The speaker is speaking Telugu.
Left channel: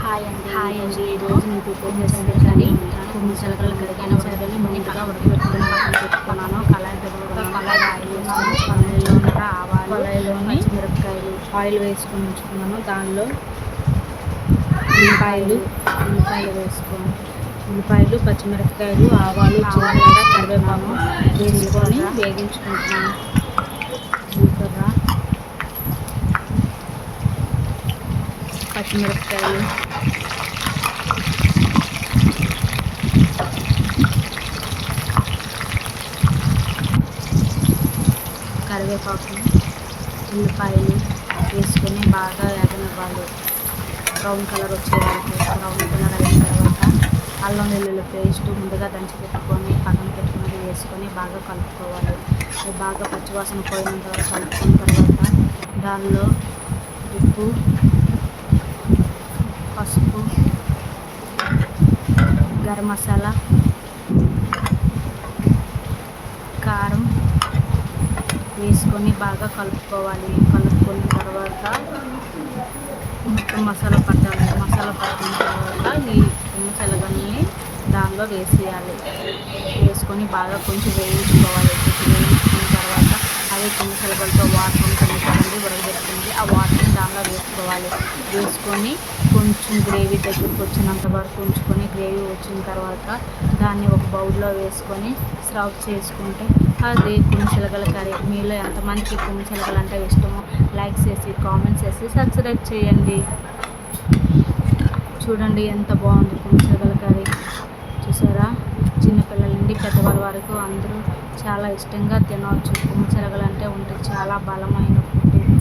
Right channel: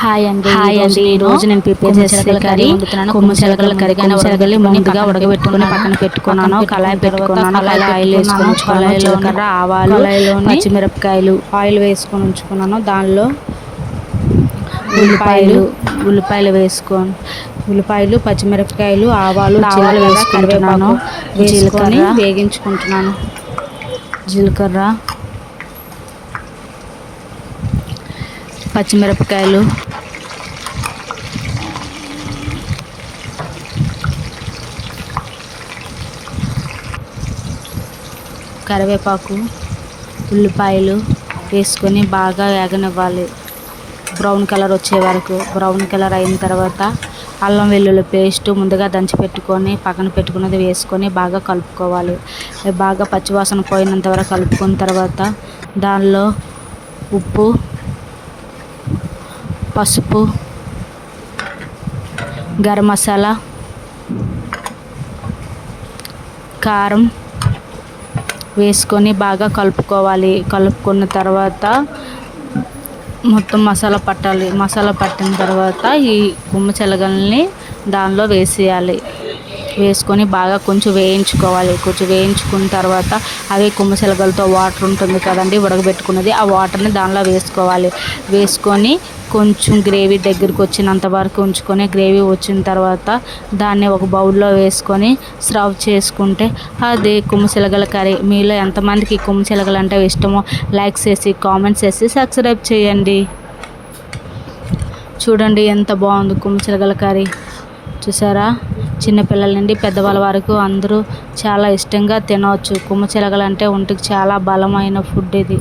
హాయ్ అండి, ఈరోజు నేను ప్రిపేర్ చేసే కర్రీ కొమ్ము శనగల కర్రీ. కొమ్ము శనగల్ని ముందుగా ఉడకబెట్టుకుని పక్కన పెట్టుకున్నాను. కళాయి పెట్టుకున్నాను. కళాయి ఆయిల్ వేసుకొని ఉంచుకున్నాను. జీలకర్ర, ఆవాలు, పచ్చిమిరపకాయలు ఆయిల్ వేసుకొని ఉంచుకున్నాను. దానిలో ఉల్లిపాయలు వేసుకొని ఉల్లిపాయలు, పచ్చిమిరపకాయలు, ఆవాలు, ఆవాలు జీలకర్ర, వేసుకుంటున్నాను. కరివేపాకు వేసుకొని జీలకర్ర వేగించుకుంటున్నాను. పచ్చిమిరపకాయలు, కరివేపాకు, ఉల్లిపాయలు వేసుకొని బాగా వేగనివ్వాలి. బ్రౌన్ కలర్ వచ్చే వరకు. బ్రౌన్ కలర్ అయిన తర్వాత అల్లం వెల్లుల్లి పేస్ట్ ముందుగా దంచి పెట్టుకొని పక్కన పెట్టుకున్నది వేసుకొని బాగా కలుపుకోవాలి. బాగా పచ్చివాసన పోయినంత వరకు కలుపుకున్న తర్వాత దానిలో ఉప్పు, పసుపు, గరం మసాలా, కారం వేసుకొని బాగా కలుపుకోవాలి. కలుపుకున్న తర్వాత మొత్తం మసాలా పట్టాలి. మసాలా పట్టిన తర్వాత ఈ కొమ్ము శనగల్ని దానిలో వేసేయాలి. వేసుకొని బాగా కొంచెం వేయించుకోవాలి. కొంచెం వేయించుకున్న తర్వాత అవి కొమ్ము శనగలతో వాటర్ ఉంటుంది కదండి, ఉడకబెట్టుకున్నది, ఆ వాటర్ని దానిలో వేసుకోవాలి. వేసుకొని కొంచెం గ్రేవీ దగ్గరికి వచ్చినంత వరకు ఉంచుకొని గ్రేవీ వచ్చిన తర్వాత దాన్ని ఒక బౌల్లో వేసుకొని సర్వ్ చేసుకుంటే అది కొమ్ము శనగల కర్రీ. మీలో ఎంతమందికి కొమ్ము శనగలు అంటే ఇష్టమో లైక్ చేసి కామెంట్స్ చేసి సబ్స్క్రైబ్ చేయండి. చూడండి ఎంత బాగుంది కొమ్ము శనగల కర్రీ. చూసారా, చిన్నపిల్లల నుండి పెద్దవాళ్ళ వరకు అందరూ చాలా ఇష్టంగా తినవచ్చు. కొమ్ము శనగలు అంటే ఒంటికి చాలా బలమైన ఫుడ్ ఇది.